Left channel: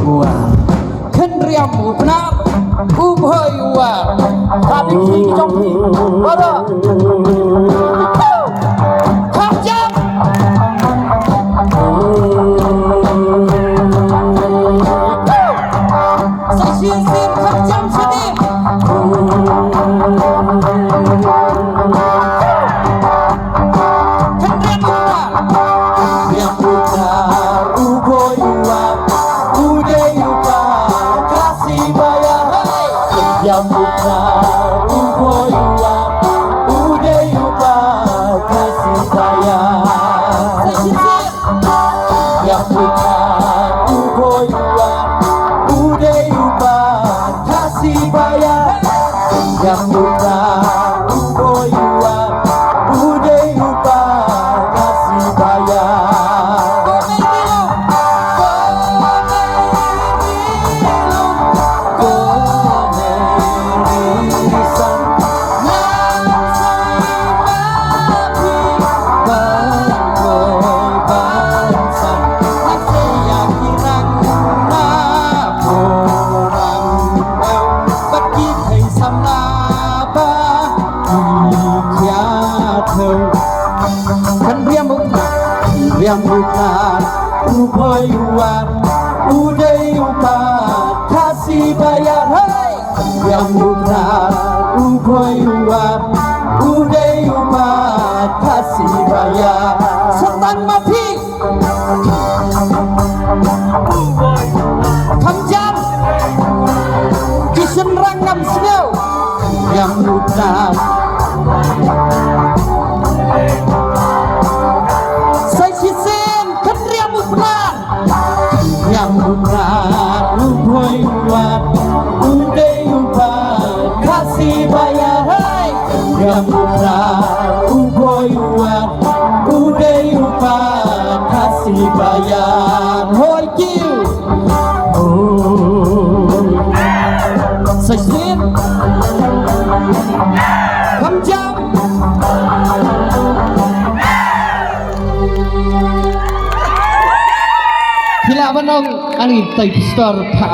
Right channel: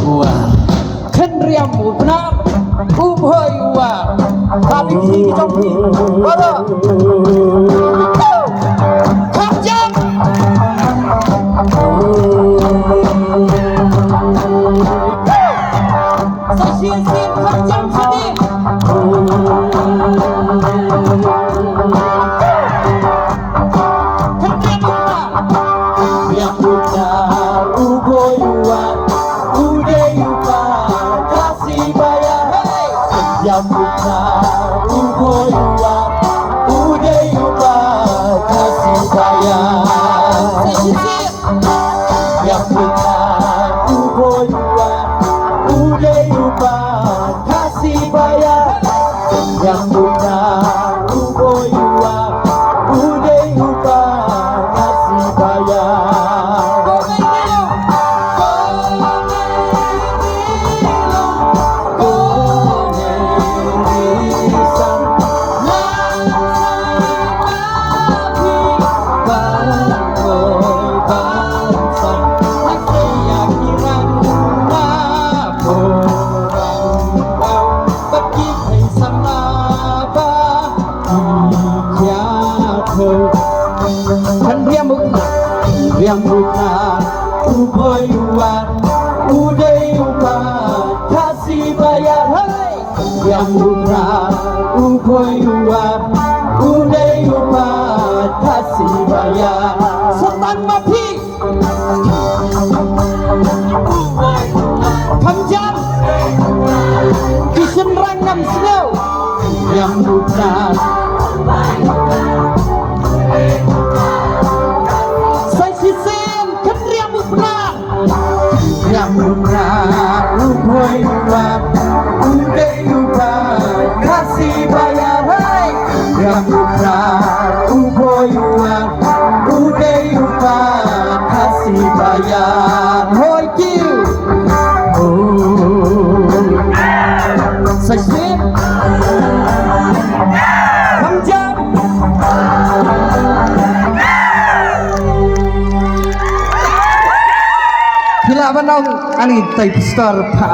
buat kenriam benar ubah tapi kini trong ada kerja sesisir kerjam sedih yang benar uboyuan udayupa kasih bayar yang benar uboyuan udayupa kasih bayar yang benar uboyuan udayupa kasih bayar yang benar uboyuan udayupa kasih bayar. Kan riam bukan ubayuan udayupan kasih bayar hai riam bukan ubayuan udayupan kasih bayar setan mati kamjan isen rangam snow riam bukan yang benar ubayuan udayupan kasih bayar hai yang benar ubayuan udayupan kasih bayar hoi kiu sesip kamjam Bila menang ani tay besar